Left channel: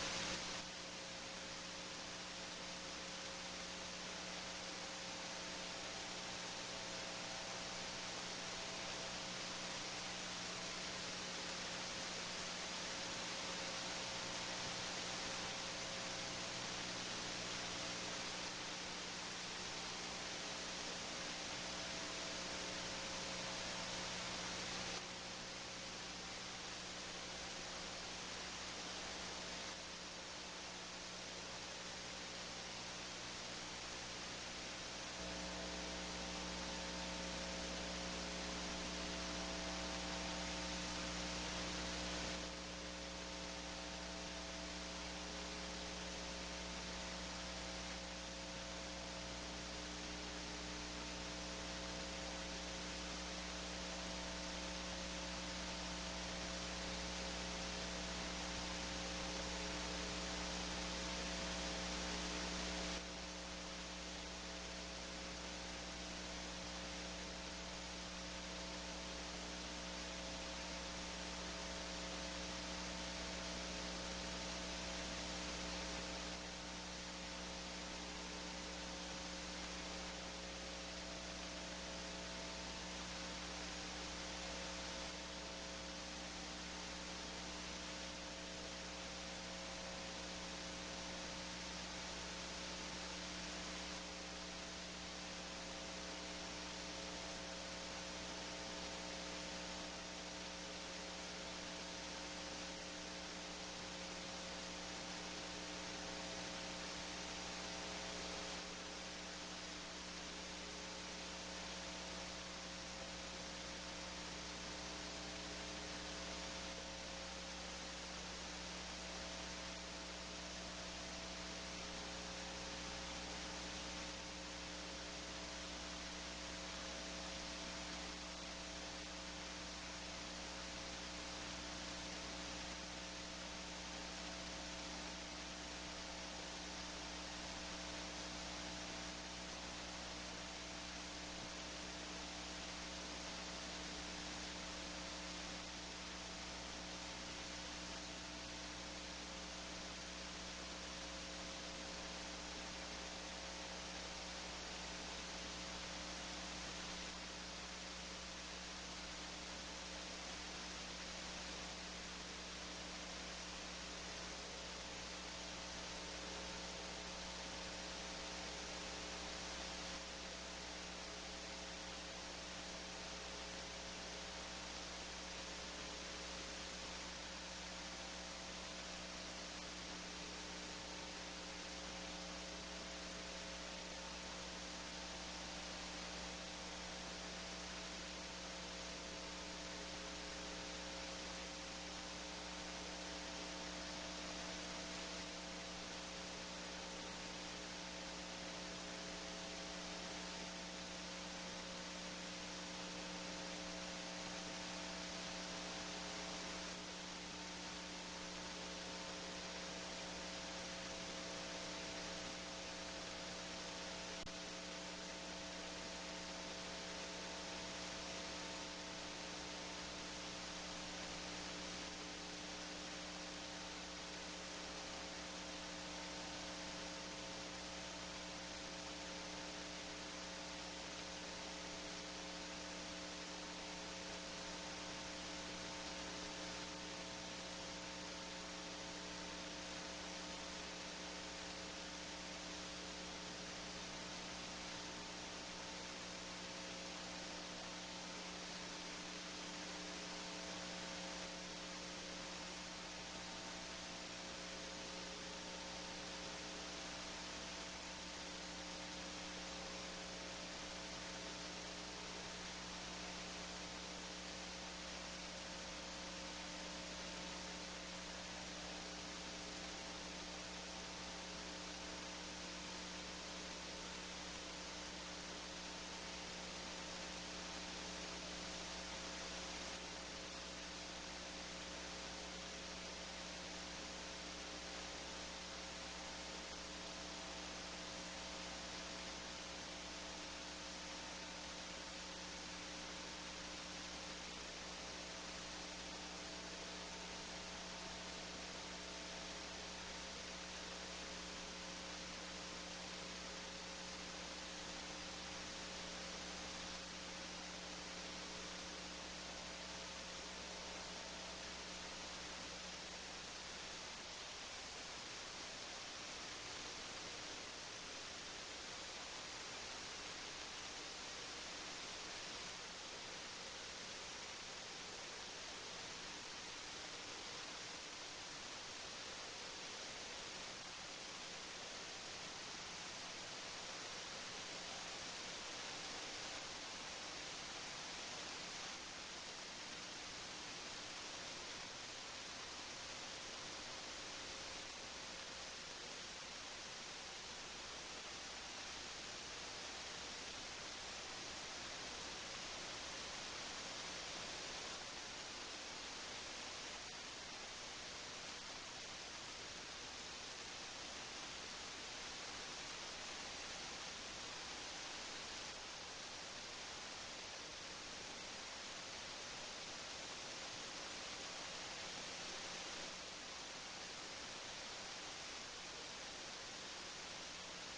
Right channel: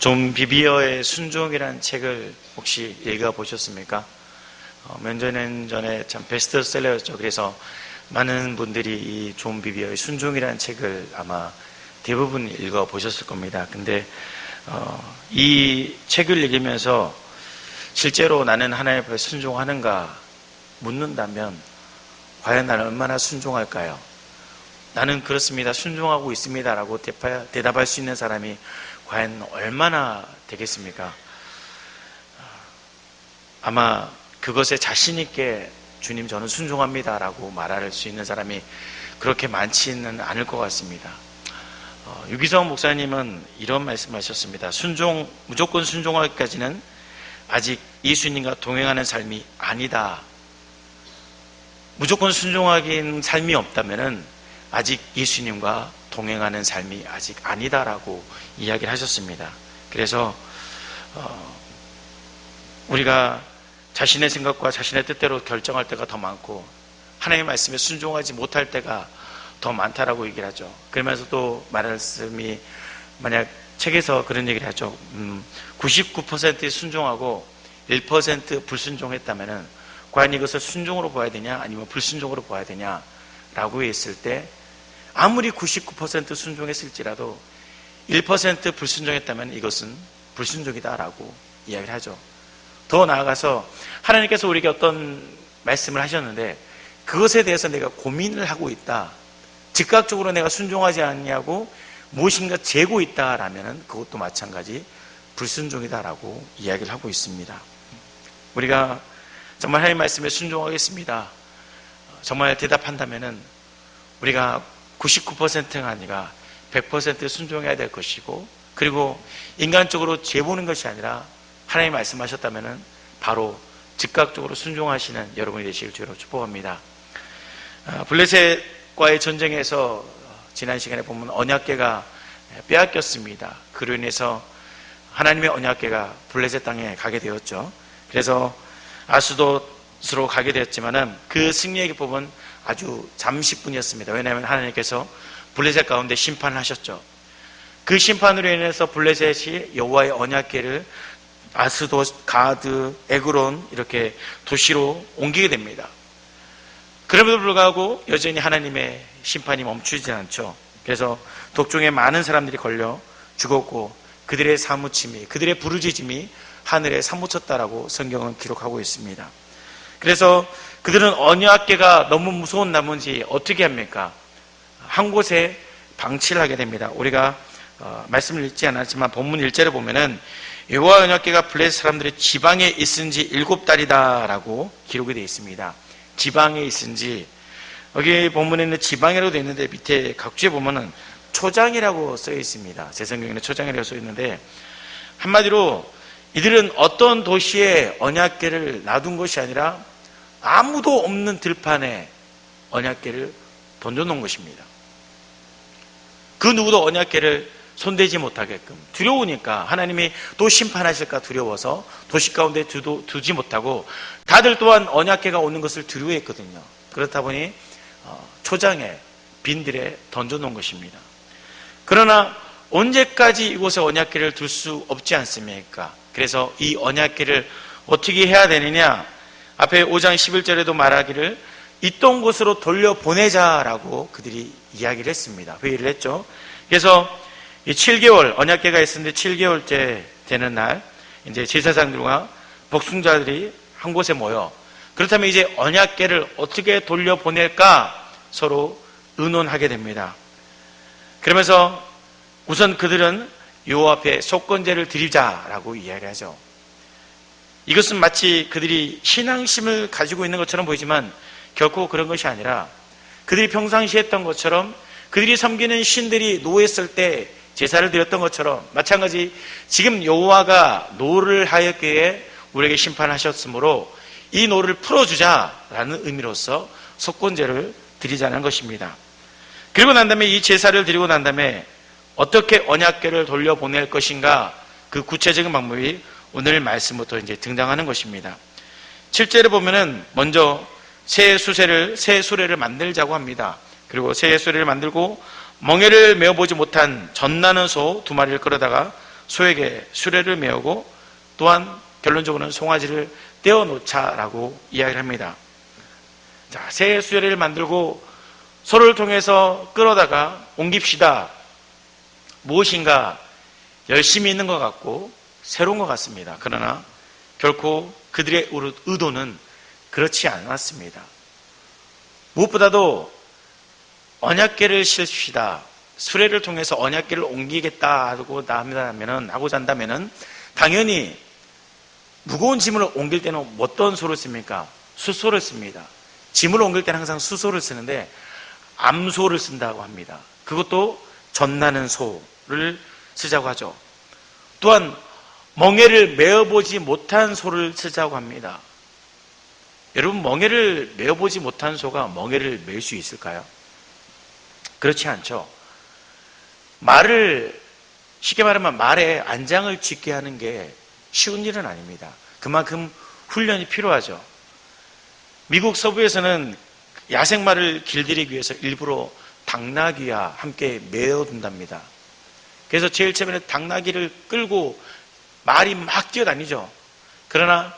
존 비비어의 순종이라는 책을 혹시 읽어보셨습니까? 몇 년 전에 참 베스트셀러였죠. 그래서 많은 분들이 이 존 비비어의 순종이라는 책을 아마 대부분 읽어보셨을 겁니다. 근데 이 책을 읽으면서 실제로 나는 하나님 앞에 순종하는가 묻는다면 과연 나는 얼마나 순종할까요? 나는 그렇습니다. 순종하고 있습니다. 라고 대답할 수 있는 사람이 과연 얼마나 되겠습니까? 아마 그것에 자신있게 주님 저는 순종합니다. 라고 말할 수 있는 사람이 그렇게 많지는 않을 것 같습니다. 유기성 목사님은 이런 말씀을 하셨습니다. 무조건 순종하기까지는 아직 예수님과 동행하는 삶이 아니다. 무조건 순종하기는 삶이 없다면은 아직 예수님과 동행하는 삶이 아직 아니다라고 이야기를 하셨습니다. 그래서 우리가 자신의 생각과 자신의 뜻대로 결정할 때가 더 많고 하나님의 말씀에 순종하지 못할 때가 더 많다라고 얘기를 하죠. 그러면서 또 말씀이 만약 책에서 그런 얘기를 하죠. 99% 순종하고 1% 불순종했다면은 과연 이것을 순종으로 봐야 되냐 아니면 불순종으로 봐야 되냐 라고 했을 때 아무리 99% 순종했을지라도 1% 불순종했다면 이것은 불순종이다라고 이야기를 하죠. 더 나아가서 하나님께서 우리에게 어떤 말씀을 하셨는데 그것에 대해서 내가 고민을 하고 있다. 즉각적으로 내가 순종하지 않냐고 무엇인가 재고 있다라면 그것도 마찬가지 불순종이다라고 이야기를 하고 있습니다. 우리가 정말 하나님의 말씀에 순종하겠습니다. 정말 대답한다면은 우리가 99%가 아니라 100% 순종해야 될 것이고 그리고 인간적으로 재보는 것이 아니라 하나님 말씀하셨다면은 바로 즉각적으로 순종하시는 여러분이 되시길 주로 축복합니다. 블레셋과의 전쟁에서 지난 시간에 보면 언약궤가 빼앗겼습니다. 그로 인해서 하나님의 언약궤가 블레셋 땅에 가게 되었죠. 그래서 아스돗으로 가게 되었지만은 그 승리의 기쁨은 아주 잠시뿐이었습니다. 왜냐하면 하나님께서 블레셋 가운데 심판을 하셨죠. 그 심판으로 인해서 블레셋이 여호와의 언약궤를 아스돗, 가드, 에그론 이렇게 도시로 옮기게 됩니다. 그럼에도 불구하고 여전히 하나님의 심판이 멈추지 않죠. 그래서 독종에 많은 사람들이 걸려 죽었고 그들의 사무침이 그들의 부르짖음이 하늘에 사무쳤다라고 성경은 기록하고 있습니다. 그래서 그들은 언약궤가 너무 무서운 나머지 어떻게 합니까? 한 곳에 방치를 하게 됩니다. 우리가 말씀을 읽지 않았지만 본문 1절에 보면은 여호와 언약궤가 블레셋 사람들의 지방에 있은 지 7달이다 라고 기록이 되어 있습니다. 지방에 있은 지 여기 본문에는 지방이라고 되어 있는데 밑에 각주에 보면은 초장이라고 써 있습니다. 제 성경에는 초장이라고 써 있는데 한마디로 이들은 어떤 도시에 언약궤를 놔둔 것이 아니라 아무도 없는 들판에 언약궤를 던져놓은 것입니다. 그 누구도 언약궤를 손대지 못하게끔 두려우니까 하나님이 또 심판하실까 두려워서 도시 가운데 두지 못하고 다들 또한 언약궤가 오는 것을 두려워했거든요. 그렇다 보니 초장에 빈들에 던져놓은 것입니다. 그러나 언제까지 이곳에 언약궤를 둘 수 없지 않습니까? 그래서 이 언약궤를 어떻게 해야 되느냐? 앞에 5장 11절에도 말하기를 있던 곳으로 돌려보내자라고 그들이 이야기를 했습니다. 회의를 했죠. 그래서 이 7개월 언약궤가 있었는데 7개월째 되는 날 이제 제사장들과 복숭자들이 한 곳에 모여 그렇다면 이제 언약궤를 어떻게 돌려보낼까 서로 의논하게 됩니다. 그러면서 우선 그들은 여호와 앞에 속건제를 드리자라고 이야기하죠. 이것은 마치 그들이 신앙심을 가지고 있는 것처럼 보이지만 결코 그런 것이 아니라 그들이 평상시에 했던 것처럼 그들이 섬기는 신들이 노했을 때 제사를 드렸던 것처럼 마찬가지 지금 여호와가 노를 하였기에 우리에게 심판하셨으므로 이 노를 풀어주자라는 의미로서 속건제를 드리자는 것입니다. 그리고 난 다음에 이 제사를 드리고 난 다음에 어떻게 언약궤를 돌려보낼 것인가 그 구체적인 방법이 오늘 말씀부터 이제 등장하는 것입니다. 7절에 보면은 먼저 새 수레를 만들자고 합니다. 그리고 새 수레를 만들고 멍에를 메어보지 못한 젖나는 소 2마리를 끌어다가 소에게 수레를 메우고 또한 결론적으로는 송아지를 떼어놓자라고 이야기를 합니다. 자, 새 수레를 만들고 소를 통해서 끌어다가 옮깁시다. 무엇인가 열심히 있는 것 같고 새로운 것 같습니다. 그러나 결코 그들의 의도는 그렇지 않았습니다. 무엇보다도 언약궤를 실읍시다. 수레를 통해서 언약궤를 옮기겠다 하고자 한다면은 당연히 무거운 짐을 옮길 때는 어떤 소를 씁니까? 수소를 씁니다. 짐을 옮길 때는 항상 수소를 쓰는데 암소를 쓴다고 합니다. 그것도 젖나는 소를 쓰자고 하죠. 또한 멍에를 메어보지 못한 소를 쓰자고 합니다. 여러분, 멍에를 메어보지 못한 소가 멍에를 멜 수 있을까요? 그렇지 않죠. 말을, 쉽게 말하면 말에 안장을 짚게 하는 게 쉬운 일은 아닙니다. 그만큼 훈련이 필요하죠. 미국 서부에서는 야생말을 길들이기 위해서 일부러 당나귀와 함께 메어둔답니다. 그래서 제일 처음에는 당나귀를 끌고 말이 막 뛰어다니죠. 그러나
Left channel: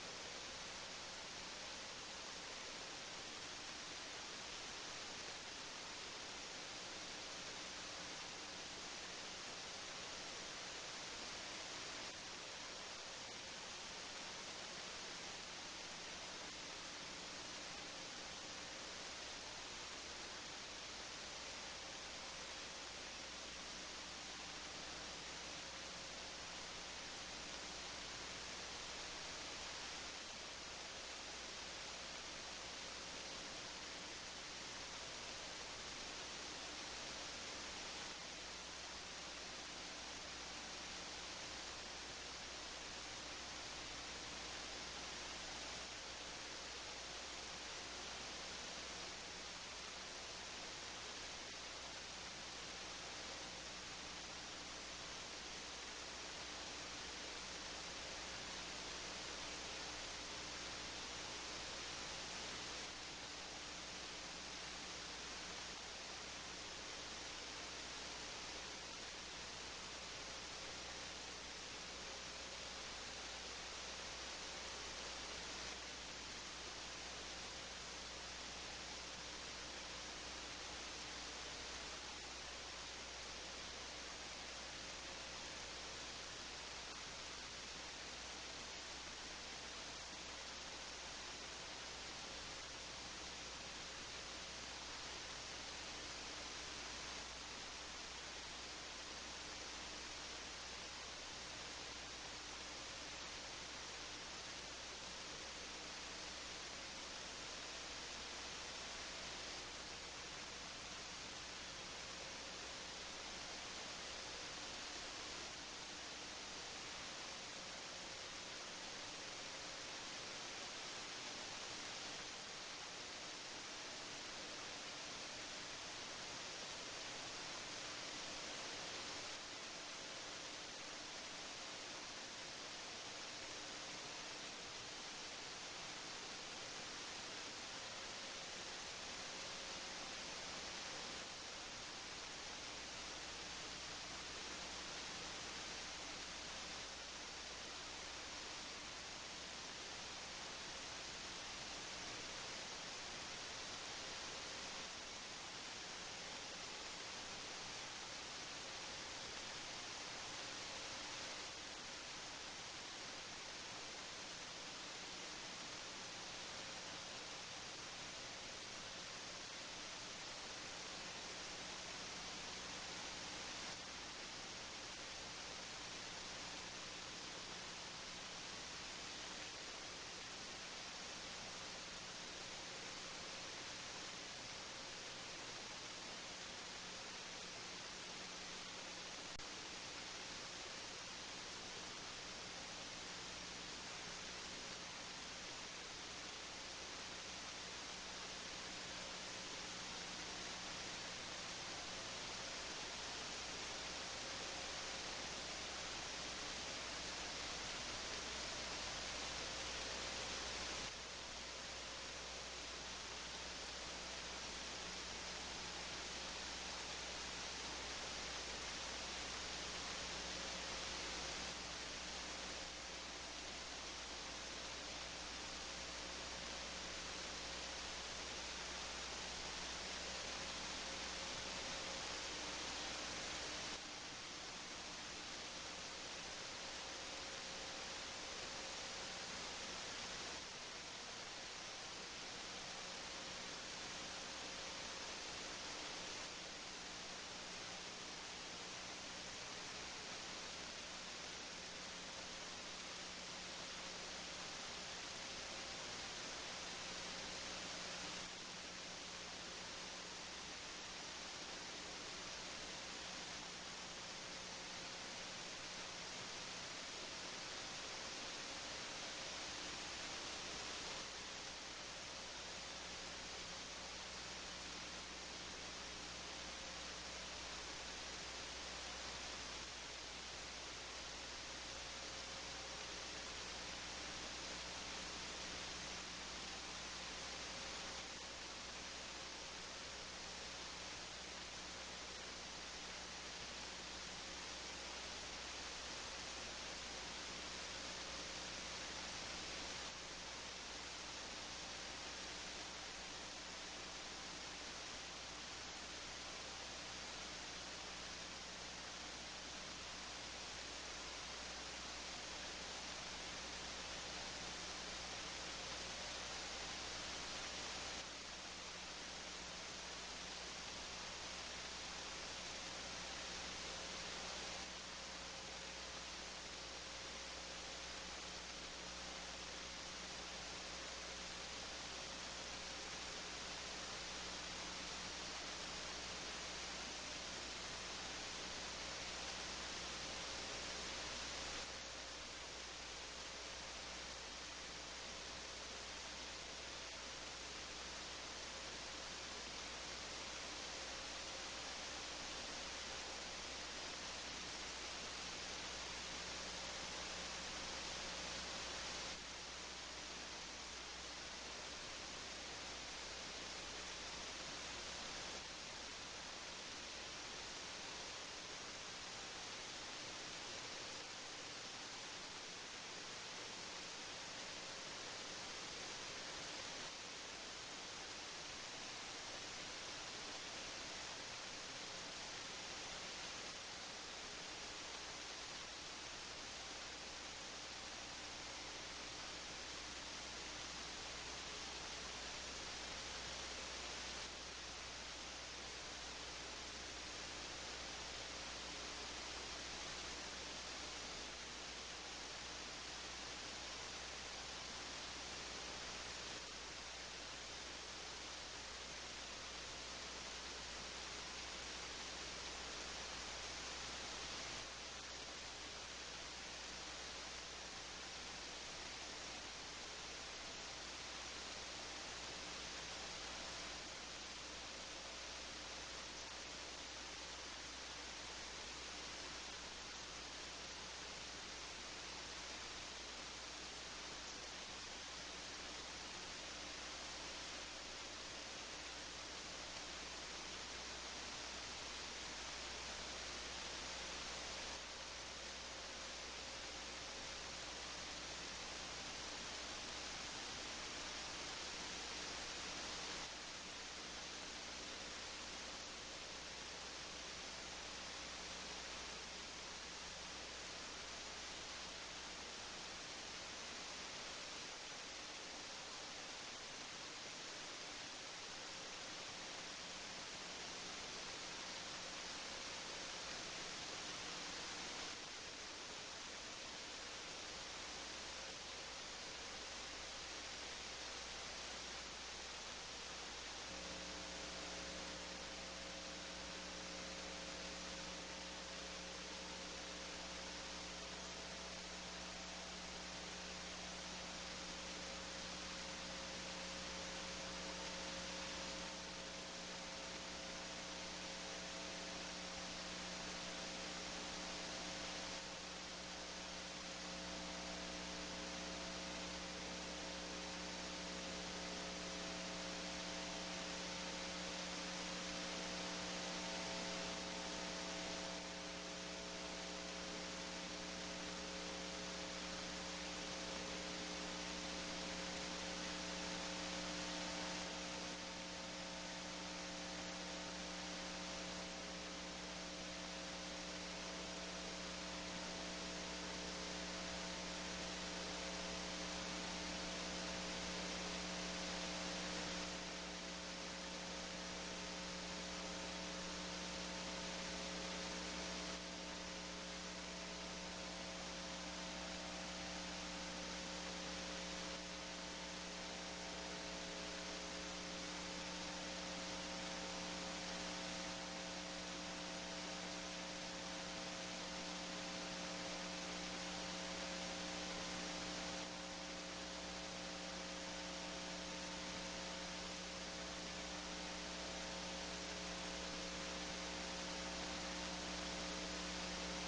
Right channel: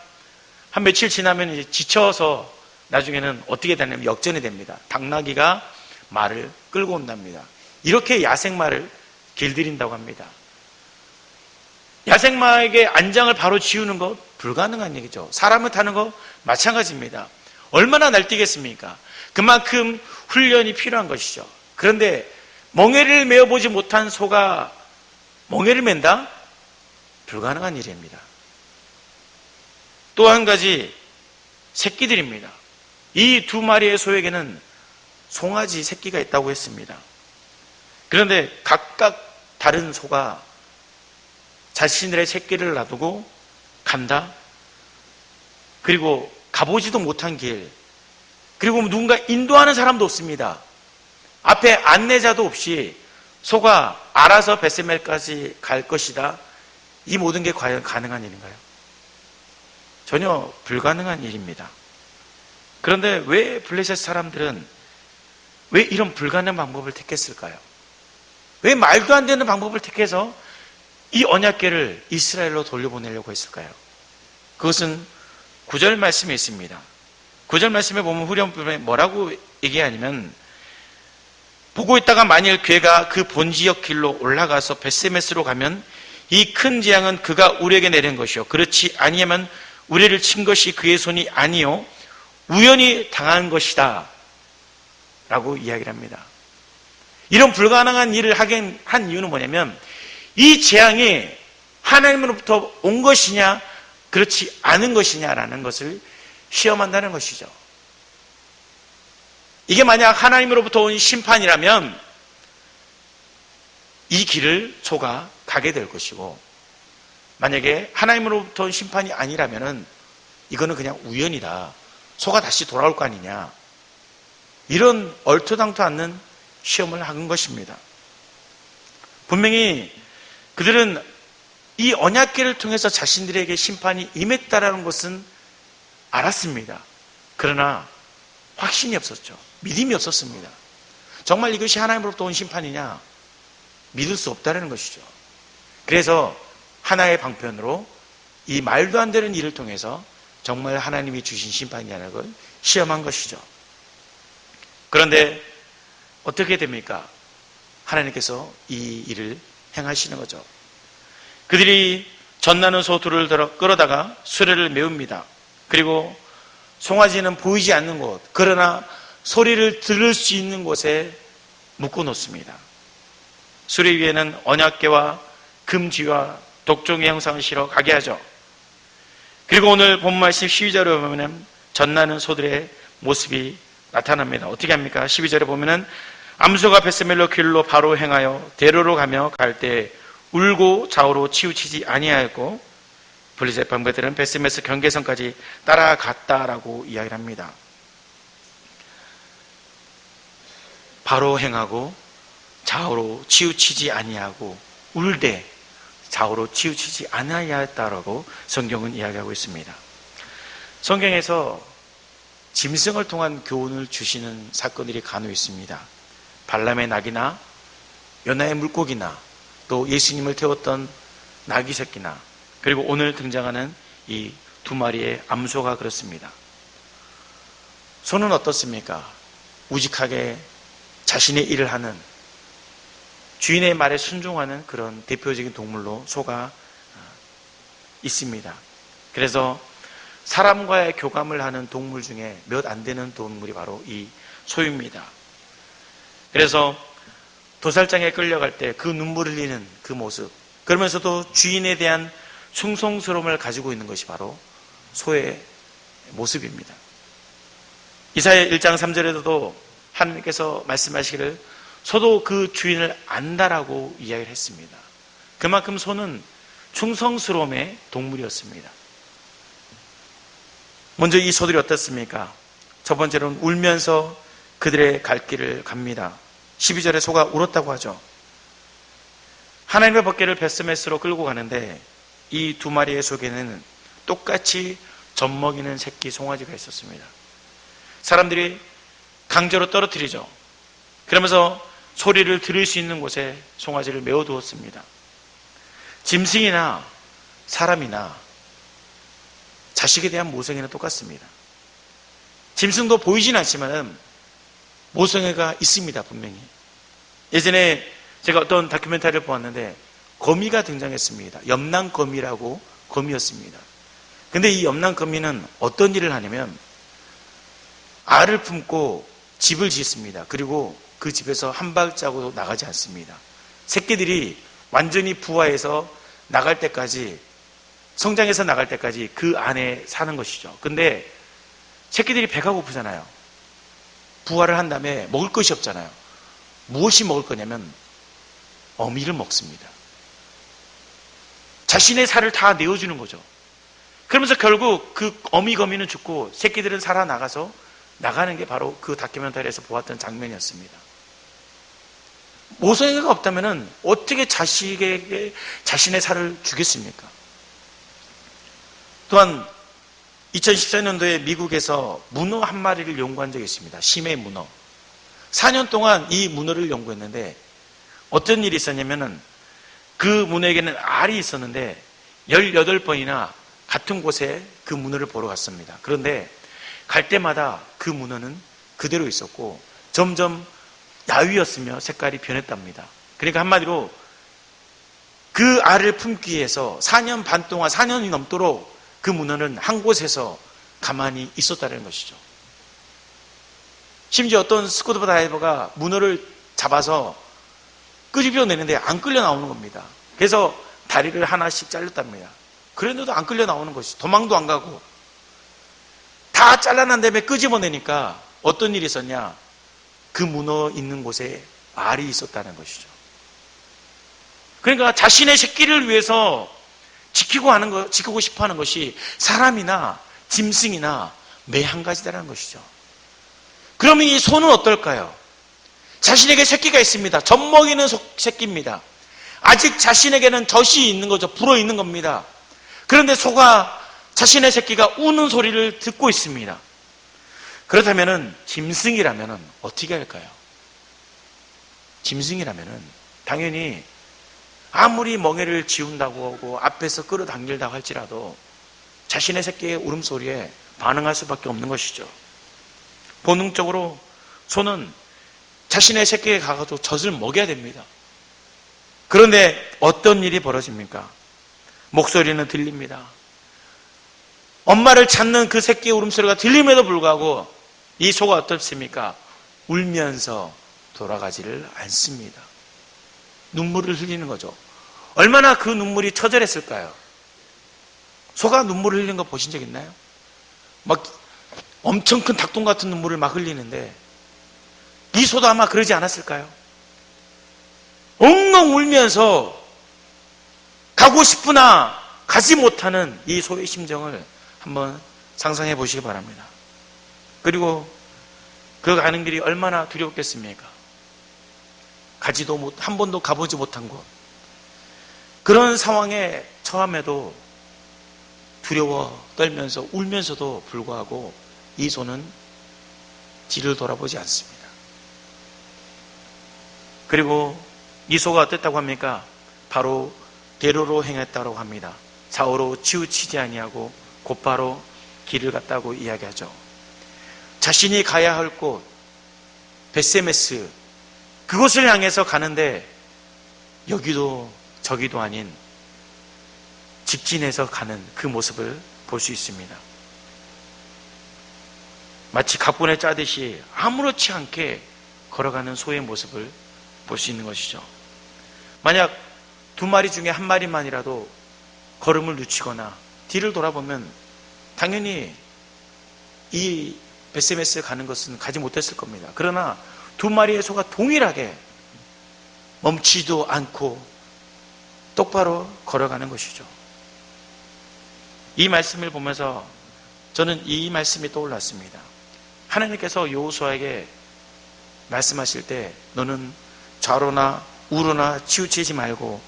한 며칠 지나면 이제 지쳐서 나중에는 어떻게 되냐면 역전이 됩니다. 당나귀가 말을 끌고 온답니다. 이렇게 야생말을 길들인다고 합니다. 야생마에게 안장을 바로 지우는 것 불가능한 얘기죠. 사람을 타는 거 마찬가지입니다. 얼마나 날뛰겠습니까? 그만큼 훈련이 필요한 것이죠. 그런데 멍에를 메어보지 못한 소가 멍에를 맨다? 불가능한 일입니다. 또 한 가지 새끼들입니다. 이 두 마리의 소에게는 송아지 새끼가 있다고 했습니다. 그런데 각각 다른 소가 자신들의 새끼를 놔두고 간다. 그리고 가보지도 못한 길, 그리고 누군가 인도하는 사람도 없습니다. 앞에 안내자도 없이 소가 알아서 벳세멜까지 갈 것이다. 이 모든 게 과연 가능한 일인가요? 전혀 불가능한 일입니다. 그런데 왜 블레셋 사람들은 왜 이런 불가능한 방법을 택했을까요? 왜 말도 안 되는 방법을 택해서 이 언약궤를 이스라엘로 돌려보내려고 했을까요? 그것은 9절 말씀에 있습니다. 9절 말씀에 보면 후렴부분에 뭐라고 얘기하냐면, 보고 있다가 만일 궤가 그 본지역 길로 올라가서 벳세메스로 가면 이 큰 재앙은 그가 우리에게 내린 것이요, 그렇지 아니하면 우리를 친 것이 그의 손이 아니요 우연히 당한 것이다 라고 이야기를 합니다. 이런 불가능한 일을 하게 한 이유는 뭐냐면, 이 재앙이 하나님으로부터 온 것이냐 그렇지 않은 것이냐라는 것을 시험한다는 것이죠. 이게 만약 하나님으로부터 온 심판이라면 이 길을 소가 가게 될 것이고, 만약에 하나님으로부터 온 심판이 아니라면 이거는 그냥 우연이다, 소가 다시 돌아올 거 아니냐, 이런 얼토당토 않는 시험을 한 것입니다. 분명히 그들은 이 언약궤를 통해서 자신들에게 심판이 임했다라는 것은 알았습니다. 그러나 확신이 없었죠. 믿음이 없었습니다. 정말 이것이 하나님으로부터 온 심판이냐? 믿을 수 없다는 것이죠. 그래서 하나의 방편으로 이 말도 안 되는 일을 통해서 정말 하나님이 주신 심판이라는 걸 시험한 것이죠. 그런데 어떻게 됩니까? 하나님께서 이 일을 행하시는 거죠. 그들이 젖나는 소 둘을 끌어다가 수레를 메웁니다. 그리고 송아지는 보이지 않는 곳, 그러나 소리를 들을 수 있는 곳에 묶어 놓습니다. 수레 위에는 언약궤와 금지와 독종의 형상을 실어 가게 하죠. 그리고 오늘 본 말씀 12절에 보면 젖나는 소들의 모습이 나타납니다. 어떻게 합니까? 12절에 보면은 암소가 벳세멜로 길로 바로 행하여 대로로 가며 갈 때 울고 좌우로 치우치지 아니하였고, 블레셋 방배들은 벳세메스 경계선까지 따라갔다라고 이야기를 합니다. 바로 행하고 좌우로 치우치지 아니하고 울되 좌우로 치우치지 아니하였다라고 성경은 이야기하고 있습니다. 성경에서 짐승을 통한 교훈을 주시는 사건들이 간혹 있습니다. 발람의 낙이나 요나의 물고기나 또 예수님을 태웠던 나귀 새끼나 그리고 오늘 등장하는 이 두 마리의 암소가 그렇습니다. 소는 어떻습니까? 우직하게 자신의 일을 하는, 주인의 말에 순종하는 그런 대표적인 동물로 소가 있습니다. 그래서 사람과의 교감을 하는 동물 중에 몇 안 되는 동물이 바로 이 소입니다. 그래서 도살장에 끌려갈 때 그 눈물 흘리는 그 모습, 그러면서도 주인에 대한 충성스러움을 가지고 있는 것이 바로 소의 모습입니다. 이사야 1장 3절에도 하나님께서 말씀하시기를 소도 그 주인을 안다라고 이야기를 했습니다. 그만큼 소는 충성스러움의 동물이었습니다. 먼저 이 소들이 어떻습니까? 첫 번째로는 울면서 그들의 갈 길을 갑니다. 12절에 소가 울었다고 하죠. 하나님의 법궤를 벳세메스로 끌고 가는데 이 두 마리의 속에는 똑같이 젖먹이는 새끼 송아지가 있었습니다. 사람들이 강제로 떨어뜨리죠. 그러면서 소리를 들을 수 있는 곳에 송아지를 메워두었습니다. 짐승이나 사람이나 자식에 대한 모성애는 똑같습니다. 짐승도 보이진 않지만 모성애가 있습니다, 분명히. 예전에 제가 어떤 다큐멘터리를 보았는데 거미가 등장했습니다. 염난거미라고 거미였습니다. 근데 이 염난거미는 어떤 일을 하냐면 알을 품고 집을 짓습니다. 그리고 그 집에서 한 발자국도 나가지 않습니다. 새끼들이 완전히 부화해서 나갈 때까지, 성장해서 나갈 때까지 그 안에 사는 것이죠. 근데 새끼들이 배가 고프잖아요. 부화를 한 다음에 먹을 것이 없잖아요. 무엇이 먹을 거냐면 어미를 먹습니다. 자신의 살을 다 내어주는 거죠. 그러면서 결국 그 어미 거미는 죽고 새끼들은 살아나가서 나가는 게 바로 그 다큐멘터리에서 보았던 장면이었습니다. 모성애가 없다면 어떻게 자식에게 자신의 살을 주겠습니까? 또한 2014년도에 미국에서 문어 한 마리를 연구한 적이 있습니다. 심해 문어. 4년 동안 이 문어를 연구했는데 어떤 일이 있었냐면은 그 문어에게는 알이 있었는데 18번이나 같은 곳에 그 문어를 보러 갔습니다. 그런데 갈 때마다 그 문어는 그대로 있었고 점점 야위였으며 색깔이 변했답니다. 그러니까 한마디로 그 알을 품기 위해서 4년 반 동안, 4년이 넘도록 그 문어는 한 곳에서 가만히 있었다는 것이죠. 심지어 어떤 스쿠버 다이버가 문어를 잡아서 끄집어내는데 안 끌려 나오는 겁니다. 그래서 다리를 하나씩 잘렸답니다. 그런데도 안 끌려 나오는 것이, 도망도 안 가고 다 잘라난 다음에 끄집어내니까 어떤 일이 있었냐? 그 문어 있는 곳에 알이 있었다는 것이죠. 그러니까 자신의 새끼를 위해서 지키고 싶어 하는 것이 사람이나 짐승이나 매 한 가지다라는 것이죠. 그러면 이 소는 어떨까요? 자신에게 새끼가 있습니다. 젖먹이는 새끼입니다. 아직 자신에게는 젖이 있는 거죠. 불어 있는 겁니다. 그런데 소가 자신의 새끼가 우는 소리를 듣고 있습니다. 그렇다면 짐승이라면 어떻게 할까요? 짐승이라면 당연히 아무리 멍에를 지운다고 하고 앞에서 끌어당길다고 할지라도 자신의 새끼의 울음소리에 반응할 수밖에 없는 것이죠. 본능적으로 소는 자신의 새끼에 가가지고 젖을 먹여야 됩니다. 그런데 어떤 일이 벌어집니까? 목소리는 들립니다. 엄마를 찾는 그 새끼의 울음소리가 들림에도 불구하고 이 소가 어떻습니까? 울면서 돌아가지를 않습니다. 눈물을 흘리는 거죠. 얼마나 그 눈물이 처절했을까요? 소가 눈물을 흘리는 거 보신 적 있나요? 막 엄청 큰 닭똥 같은 눈물을 막 흘리는데 이 소도 아마 그러지 않았을까요? 엉엉 울면서 가고 싶으나 가지 못하는 이 소의 심정을 한번 상상해 보시기 바랍니다. 그리고 그 가는 길이 얼마나 두렵겠습니까? 한 번도 가보지 못한 곳. 그런 상황에 처함에도 두려워 떨면서 울면서도 불구하고 이 소는 뒤를 돌아보지 않습니다. 그리고 이 소가 어땠다고 합니까? 바로 대로로 행했다고 합니다. 좌우로 치우치지 아니하고 곧바로 길을 갔다고 이야기하죠. 자신이 가야 할 곳 벳세메스, 그곳을 향해서 가는데 여기도 저기도 아닌 직진해서 가는 그 모습을 볼 수 있습니다. 마치 각본에 짜듯이 아무렇지 않게 걸어가는 소의 모습을 볼 수 있는 것이죠. 만약 두 마리 중에 한 마리만이라도 걸음을 늦추거나 뒤를 돌아보면 당연히 이 벳세메스에 가는 것은 가지 못했을 겁니다. 그러나 두 마리의 소가 동일하게 멈추지도 않고 똑바로 걸어가는 것이죠. 이 말씀을 보면서 저는 이 말씀이 떠올랐습니다. 하나님께서 여호수아에게 말씀하실 때 너는 좌로나 우로나 치우치지 말고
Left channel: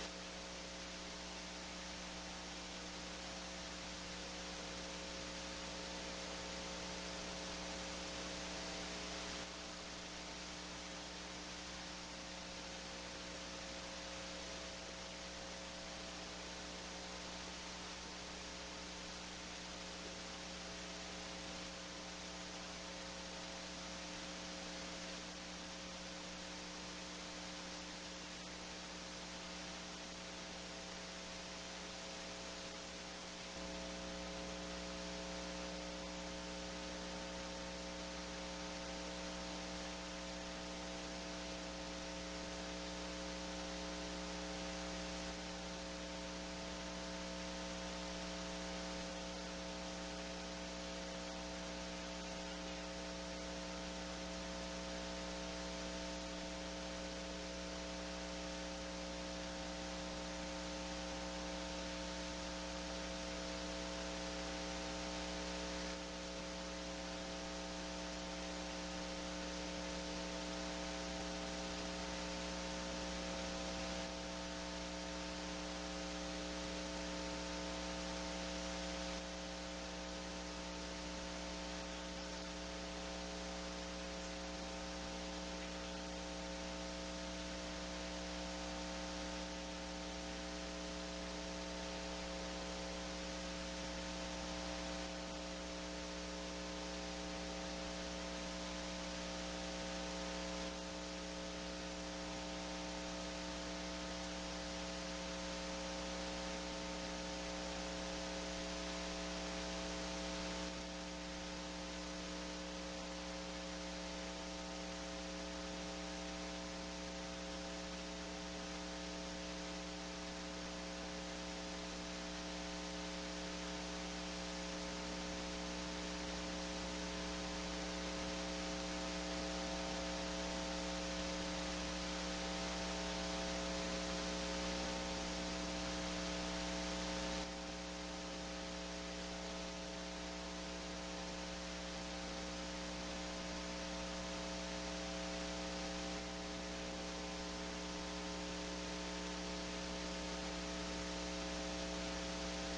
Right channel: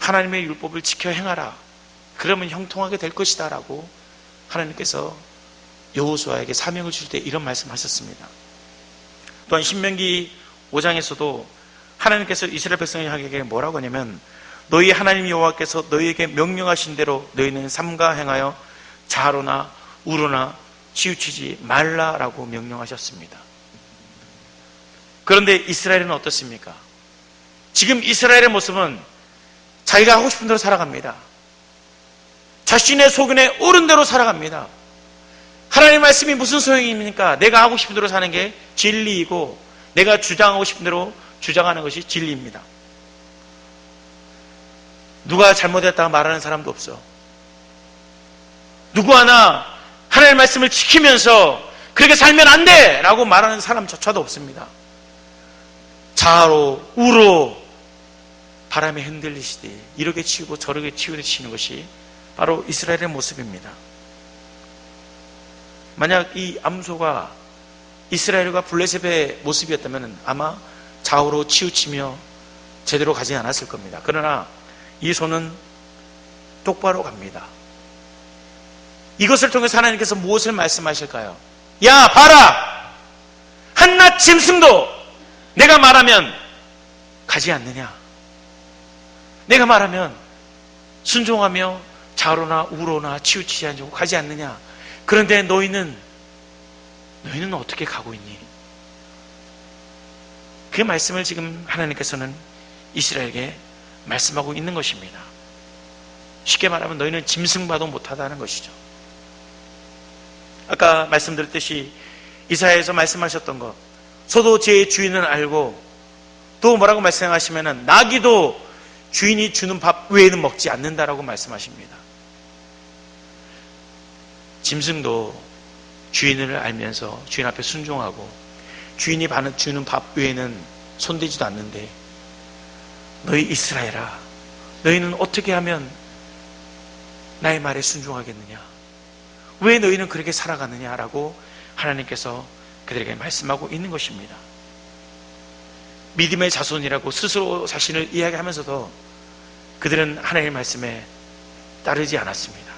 하나님의 율법을 지켜 행하라. 그러면 형통하게 될 것이다 라고 하나님께서 여호수아에게 사명을 주실 때 이런 말씀하셨습니다. 또한 신명기 5장에서도 하나님께서 이스라엘 백성에게 뭐라고 하냐면 너희 하나님 여호와께서 너희에게 명령하신 대로 너희는 삼가 행하여 좌로나 우로나 치우치지 말라라고 명령하셨습니다. 그런데 이스라엘은 어떻습니까? 지금 이스라엘의 모습은 자기가 하고 싶은 대로 살아갑니다. 자신의 소견에 옳은 대로 살아갑니다. 하나님의 말씀이 무슨 소용입니까? 내가 하고 싶은 대로 사는 게 진리이고 내가 주장하고 싶은 대로 주장하는 것이 진리입니다. 누가 잘못했다고 말하는 사람도 없어. 누구 하나 하나님의 말씀을 지키면서 그렇게 살면 안 돼! 라고 말하는 사람조차도 없습니다. 좌로 우로 바람에 흔들리시되 이렇게 치우고 저렇게 치우치는 것이 바로 이스라엘의 모습입니다. 만약 이 암소가 이스라엘과 블레셋의 모습이었다면 아마 좌우로 치우치며 제대로 가지 않았을 겁니다. 그러나 이 소는 똑바로 갑니다. 이것을 통해서 하나님께서 무엇을 말씀하실까요? 야 봐라! 한낱 짐승도 내가 말하면 가지 않느냐? 내가 말하면 순종하며 좌로나 우로나 치우치지 않고 가지 않느냐? 그런데 너희는 어떻게 가고 있니? 그 말씀을 지금 하나님께서는 이스라엘에게 말씀하고 있는 것입니다. 쉽게 말하면 너희는 짐승봐도 못하다는 것이죠. 아까 말씀드렸듯이 이사야에서 말씀하셨던 것, 소도 제 주인을 알고 또 뭐라고 말씀하시면은 나귀도 주인이 주는 밥 외에는 먹지 않는다라고 말씀하십니다. 짐승도 주인을 알면서 주인 앞에 순종하고 주인이 주는 밥 외에는 손대지도 않는데 너희 이스라엘아, 너희는 어떻게 하면 나의 말에 순종하겠느냐? 왜 너희는 그렇게 살아가느냐라고 하나님께서 그들에게 말씀하고 있는 것입니다. 믿음의 자손이라고 스스로 자신을 이야기하면서도 그들은 하나님의 말씀에 따르지 않았습니다.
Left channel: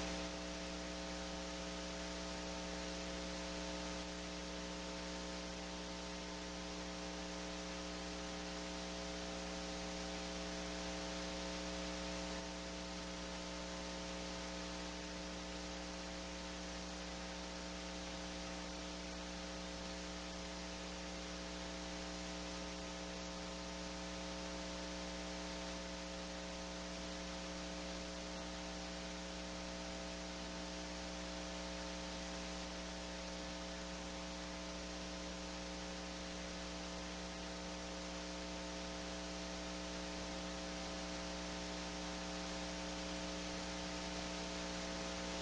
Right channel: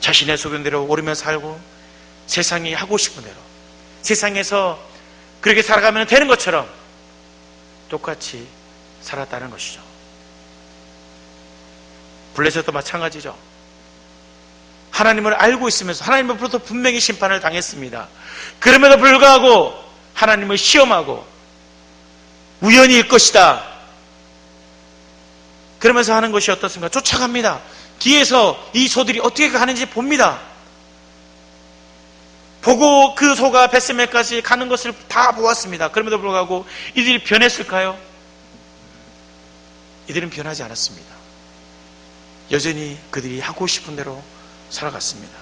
자신의 소견대로 오르며 살고 세상이 하고 싶은 대로 세상에서 그렇게 살아가면 되는 것처럼 똑같이 살았다는 것이죠. 블레셋도 마찬가지죠. 하나님을 알고 있으면서 하나님으로부터 분명히 심판을 당했습니다. 그럼에도 불구하고 하나님을 시험하고 우연히일 것이다. 그러면서 하는 것이 어떻습니까? 쫓아갑니다. 뒤에서 이 소들이 어떻게 가는지 봅니다. 보고 그 소가 벳세메까지 가는 것을 다 보았습니다. 그럼에도 불구하고 이들이 변했을까요? 이들은 변하지 않았습니다. 여전히 그들이 하고 싶은 대로 살아갔습니다.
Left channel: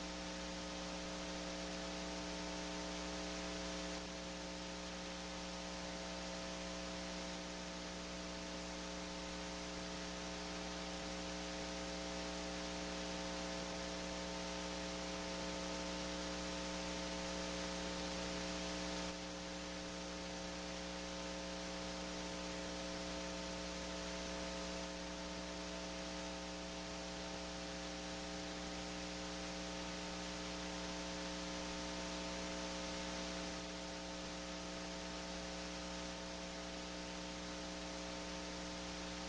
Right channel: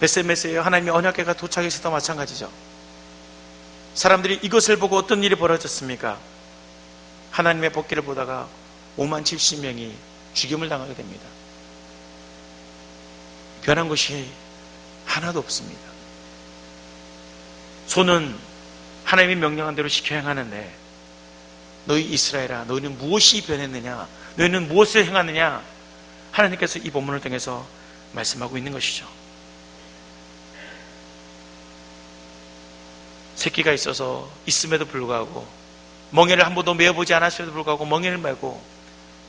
벳세메스에 하나님의 언약궤가 도착했을 때도 마찬가지죠. 사람들이 이것을 보고 어떤 일이 벌어졌습니까? 하나님의 복귀를 보다가 5만 70명이 죽임을 당하게 됩니다. 변한 것이 하나도 없습니다. 소는 하나님이 명령한 대로 지켜 행하는데 너희 이스라엘아, 너희는 무엇이 변했느냐? 너희는 무엇을 행하느냐? 하나님께서 이 본문을 통해서 말씀하고 있는 것이죠. 새끼가 있어서 있음에도 불구하고 멍에를 한 번도 메어보지 않았음에도 불구하고 멍에를 메고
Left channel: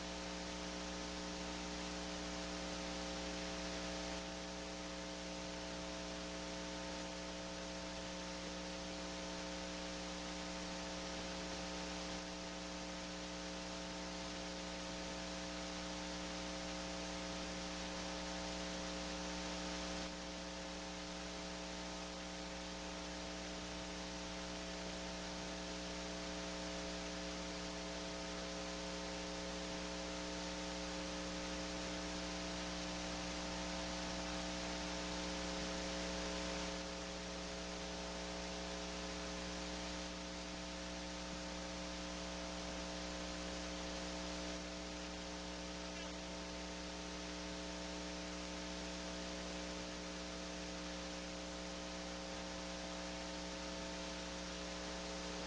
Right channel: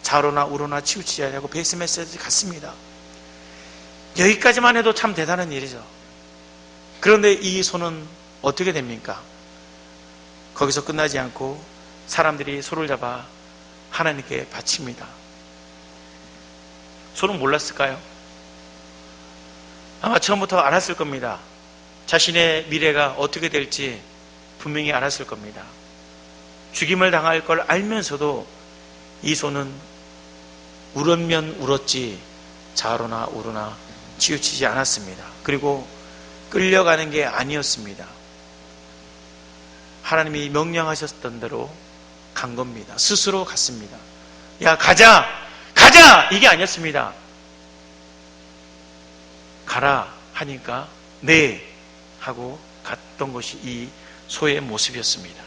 좌로나 우로나 치우치지 않냐고 베이스 메시지 갔습니다. 여기까지만 해도 참 대단한 일이죠. 그런데 이 소는 어떻게 됩니까? 거기서 끝나지 않고 사람들이 소를 잡아 하나님께 바칩니다. 소는 몰랐을까요? 아마 처음부터 알았을 겁니다. 자신의 미래가 어떻게 될지 분명히 알았을 겁니다. 죽임을 당할 걸 알면서도 이 소는 울었면 울었지 좌로나 우로나 치우치지 않았습니다. 그리고 끌려가는 게 아니었습니다. 하나님이 명령하셨던 대로 간 겁니다. 스스로 갔습니다. 야, 가자! 가자! 이게 아니었습니다. 가라 하니까 네 하고 갔던 것이 이 소의 모습이었습니다.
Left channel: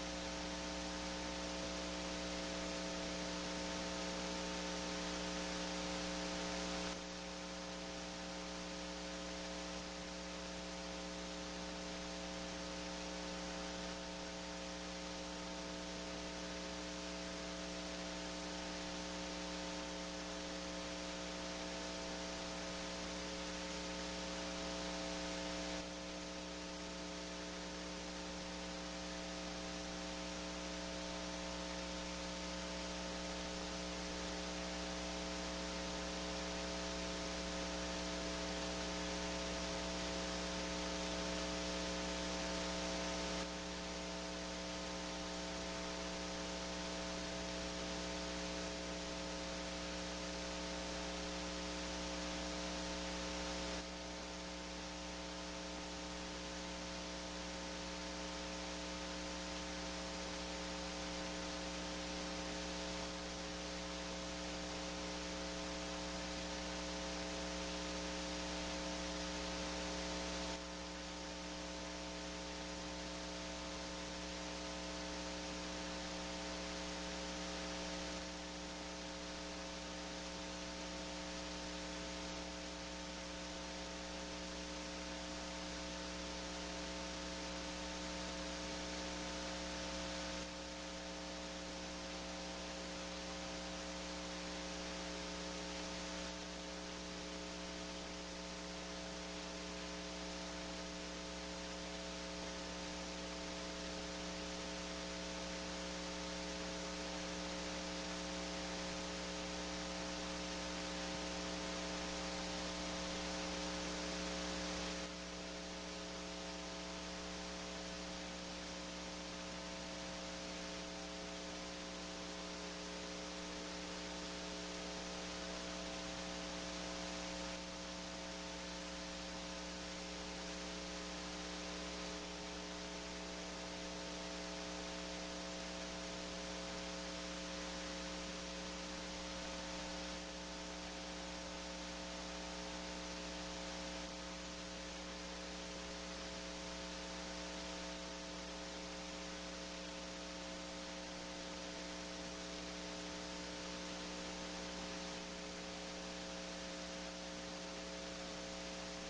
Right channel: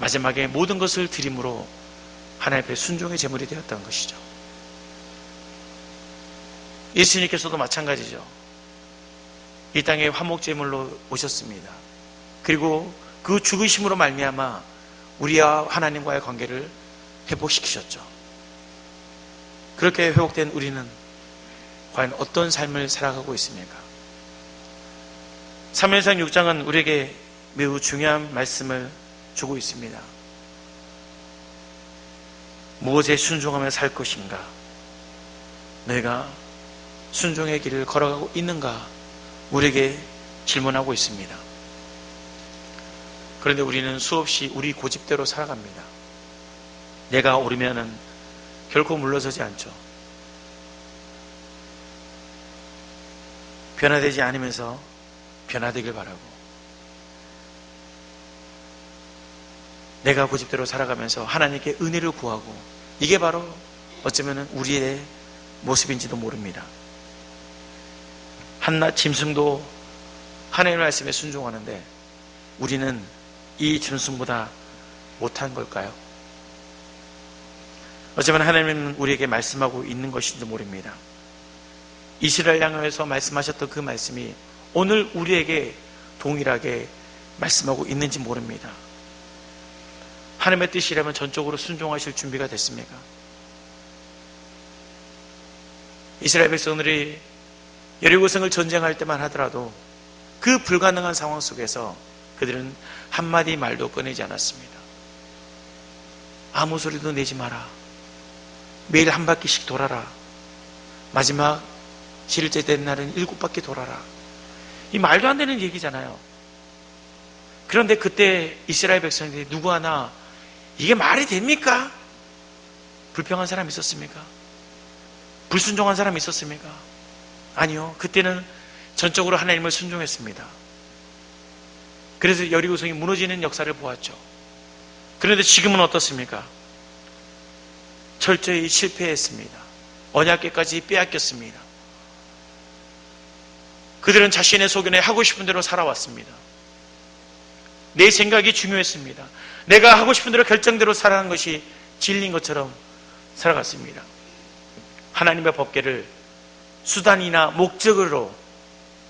마지막에 모든 것을 드림으로 하나님 앞에 순종의 제물이 되었던 것이죠. 예수님께서도 마찬가지죠. 이 땅에 화목제물로 오셨습니다. 그리고 그 죽으심으로 말미암아 우리와 하나님과의 관계를 회복시키셨죠. 그렇게 회복된 우리는 과연 어떤 삶을 살아가고 있습니까? 사무엘상 6장은 우리에게 매우 중요한 말씀을 주고 있습니다. 무엇에 순종하며 살 것인가? 너희가 순종의 길을 걸어가고 있는가? 우리에게 질문하고 있습니다. 그런데 우리는 수없이 우리 고집대로 살아갑니다. 내가 오르면은 결코 물러서지 않죠. 변화되지 않으면서 변화되길 바라고, 내가 고집대로 살아가면서 하나님께 은혜를 구하고, 이게 바로 어쩌면 우리의 모습인지도 모릅니다. 한낱 짐승도 하나님의 말씀에 순종하는데 우리는 이 짐승보다 못한 걸까요? 어쩌면 하나님은 우리에게 말씀하고 있는 것인지도 모릅니다. 이스라엘 향하여서 말씀하셨던 그 말씀이 오늘 우리에게 동일하게 말씀하고 있는지 모릅니다. 하나님의 뜻이라면 전적으로 순종하실 준비가 됐습니까? 이스라엘 백성들이 여리고성을 전쟁할 때만 하더라도 그 불가능한 상황 속에서 그들은 한마디 말도 꺼내지 않았습니다. 아무 소리도 내지 마라. 매일 한 바퀴씩 돌아라. 마지막 7일째 된 날은 7바퀴 돌아라. 이 말도 안 되는 얘기잖아요. 그런데 그때 이스라엘 백성들이 누구 하나 이게 말이 됩니까? 불평한 사람이 있었습니까? 불순종한 사람이 있었습니까? 아니요. 그때는 전적으로 하나님을 순종했습니다. 그래서 여리고성이 무너지는 역사를 보았죠. 그런데 지금은 어떻습니까? 철저히 실패했습니다. 언약궤까지 빼앗겼습니다. 그들은 자신의 소견에 하고 싶은 대로 살아왔습니다. 내 생각이 중요했습니다. 내가 하고 싶은 대로 결정대로 살아가는 것이 진리인 것처럼 살아갔습니다. 하나님의 법궤를 수단이나 목적으로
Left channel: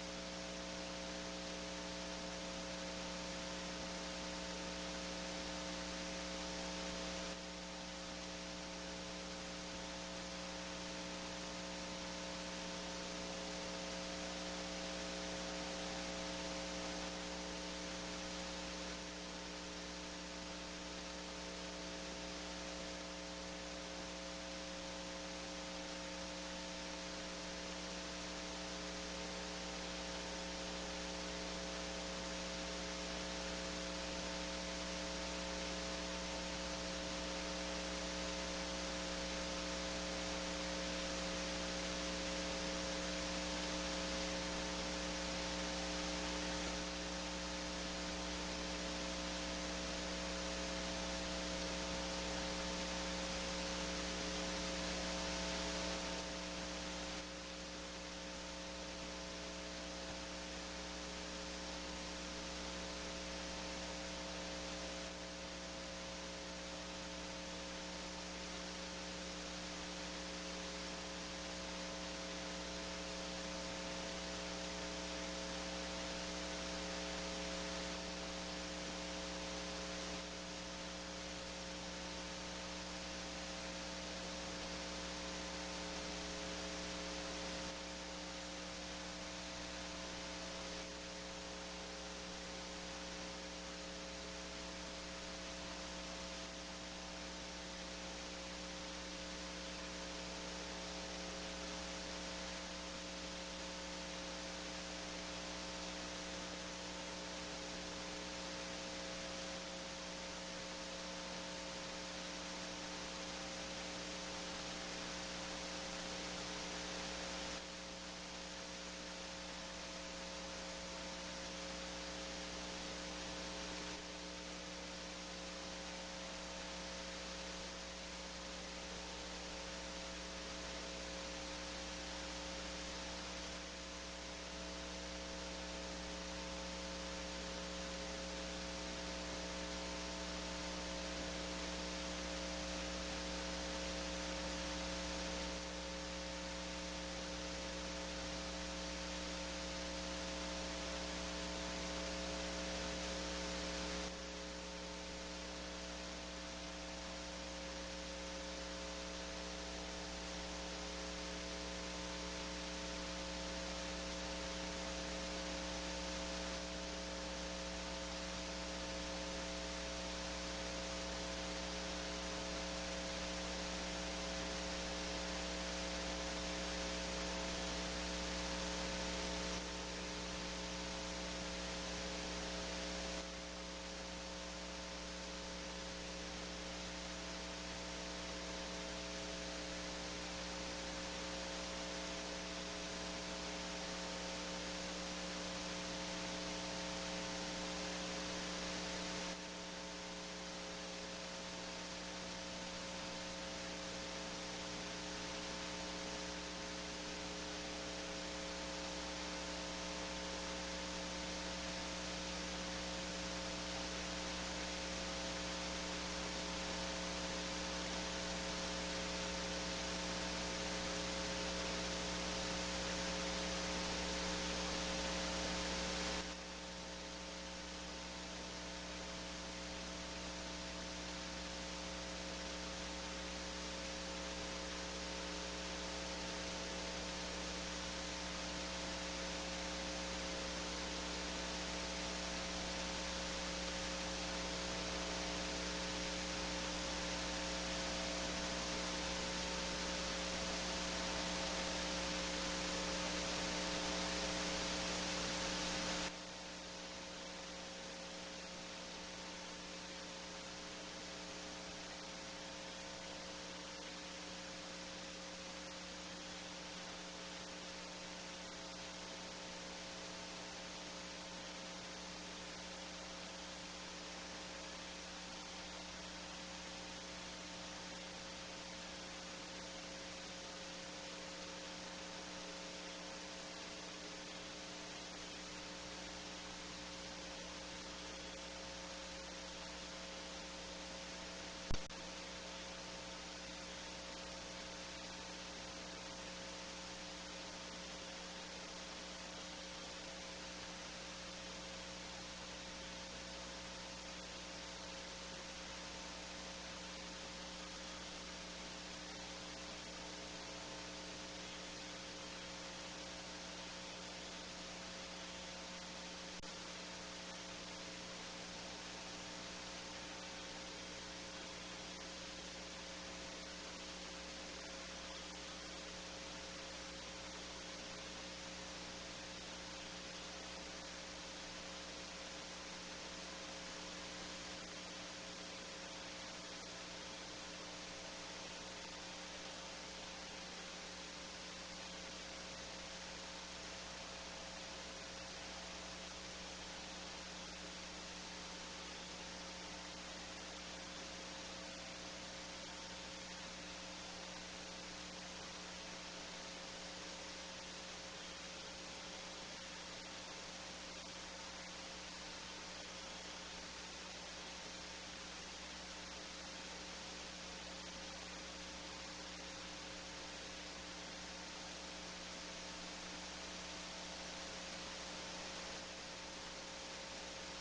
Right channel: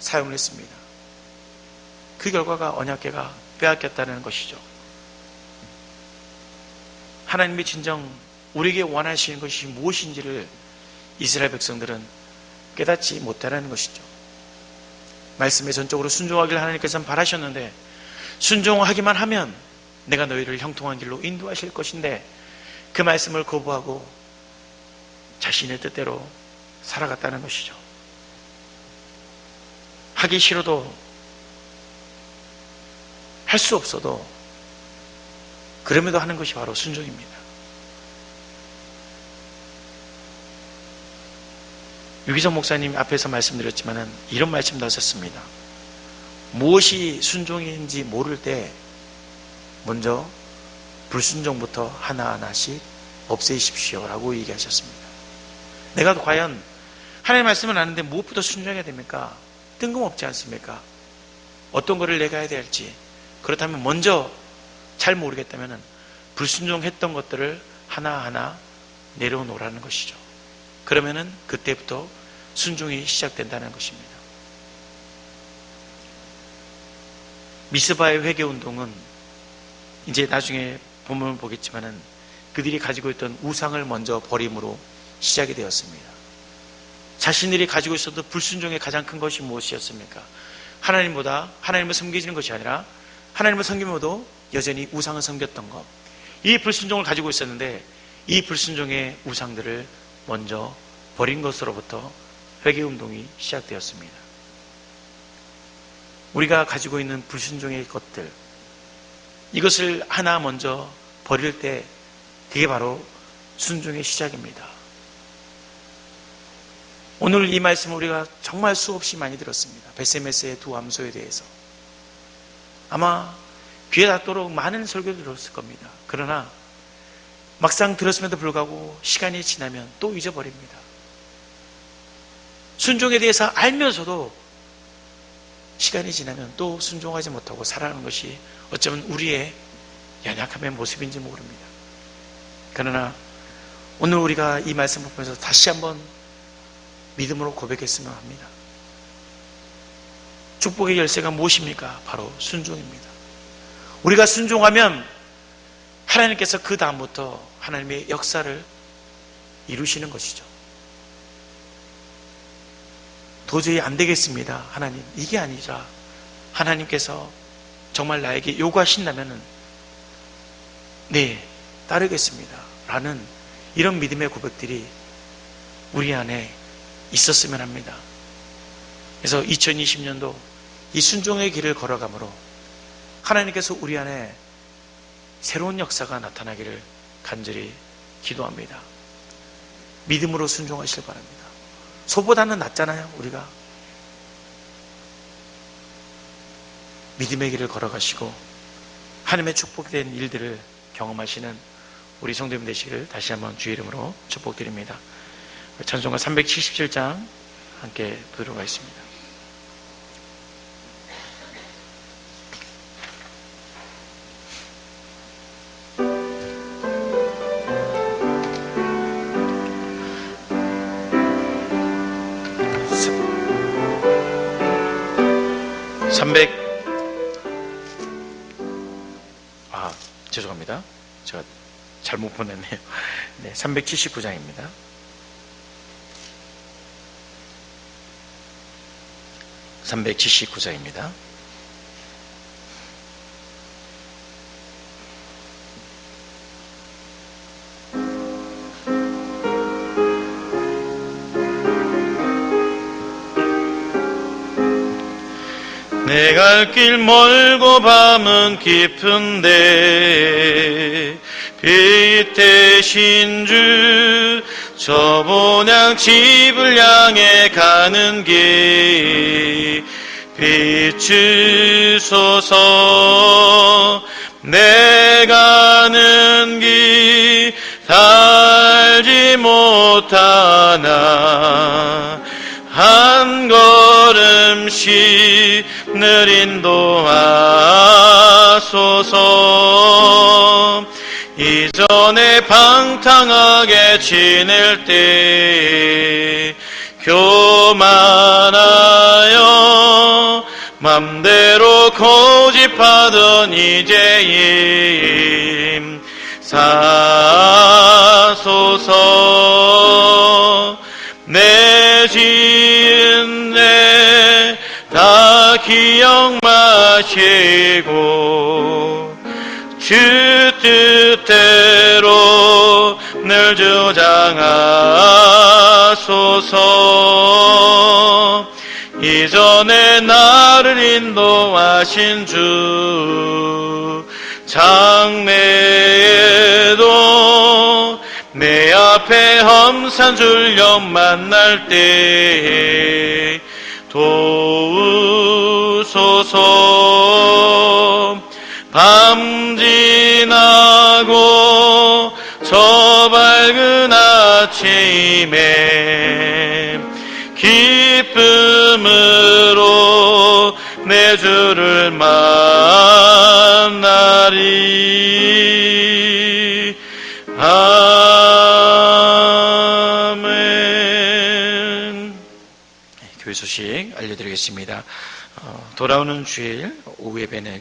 사용을 했습니다. 그 결과가 언약궤가 빼앗겼다는 것이죠. 하나님이 진정 우리에게 원하시는 것이 무엇인지를 이스라엘 백성들은 깨닫지 못하는 것이죠. 말씀에 전적으로 순종하기를 하나님께서는 바라셨는데, 순종하기만 하면 내가 너희를 형통한 길로 인도하실 것인데 그 말씀을 거부하고 자신의 뜻대로 살아갔다는 것이죠. 하기 싫어도 할 수 없어도 그럼에도 하는 것이 바로 순종입니다. 유기성 목사님 앞에서 말씀드렸지만 이런 말씀도 하셨습니다. 무엇이 순종인지 모를 때 먼저 불순종부터 하나하나씩 없애십시오 라고 얘기하셨습니다. 내가 과연 하나님의 말씀을 아는데 무엇부터 순종해야 됩니까? 뜬금없지 않습니까? 어떤 것을 내가 해야 될지. 그렇다면 먼저 잘 모르겠다면 불순종했던 것들을 하나하나 내려놓으라는 것이죠. 그러면은 그때부터 순종이 시작된다는 것입니다. 미스바의 회개운동은 이제 나중에 보면 보겠지만은 그들이 가지고 있던 우상을 먼저 버림으로 시작이 되었습니다. 자신들이 가지고 있었던 불순종의 가장 큰 것이 무엇이었습니까? 하나님보다 하나님을 섬기는 것이 아니라 하나님을 섬기면서도 여전히 우상을 섬겼던 것. 이 불순종을 가지고 있었는데 이 불순종의 우상들을 먼저 버린 것으로부터 회개운동이 시작되었습니다. 우리가 가지고 있는 불순종의 것들, 이것을 하나 먼저 버릴 때 그게 바로 순종의 시작입니다. 오늘 이 말씀을 우리가 정말 수없이 많이 들었습니다. 베세메스의 두 암소에 대해서. 아마 귀에 닿도록 많은 설교를 들었을 겁니다. 그러나 막상 들었음에도 불구하고 시간이 지나면 또 잊어버립니다. 순종에 대해서 알면서도 시간이 지나면 또 순종하지 못하고 살아가는 것이 어쩌면 우리의 연약함의 모습인지 모릅니다. 그러나 오늘 우리가 이 말씀을 보면서 다시 한번 믿음으로 고백했으면 합니다. 축복의 열쇠가 무엇입니까? 바로 순종입니다. 우리가 순종하면 하나님께서 그 다음부터 하나님의 역사를 이루시는 것이죠. 도저히 안 되겠습니다. 하나님, 이게 아니라 하나님께서 정말 나에게 요구하신다면 네, 따르겠습니다 라는 이런 믿음의 고백들이 우리 안에 있었으면 합니다. 그래서 2020년도 이 순종의 길을 걸어가므로 하나님께서 우리 안에 새로운 역사가 나타나기를 간절히 기도합니다. 믿음으로 순종하시길 바랍니다. 소보다는 낫잖아요. 우리가 믿음의 길을 걸어가시고 하나님의 축복된 일들을 경험하시는 우리 성도님 되시기를 다시 한번 주의 이름으로 축복드립니다. 찬송가 377장 함께 부르도록 하겠습니다. 죄송합니다. 제가 잘못 보냈네요. 네, 379장입니다. 내 갈 길 멀고 밤은 깊은데 빛 대신 주 저 본향 집을 향해 가는 길 비추소서. 내 가는 길 달지 못하나 한 걸음씩 늘 인도하소서. 이전에 방탕하게 지낼 때 교만하여 맘대로 고집하던 이제임 사소서. 내 지은 죄 다 기억 마시고 주 뜻대로 늘 주장하소서. 이전에 나를 인도하신 주 장래에도 내 앞에 험산 줄령 만날 때 도우소서. 밤 지나고 저 밝은 아침에 기쁨으로 내 주를 만나리. 아멘. 교회 소식 알려드리겠습니다. 돌아오는 주일 오후 예배는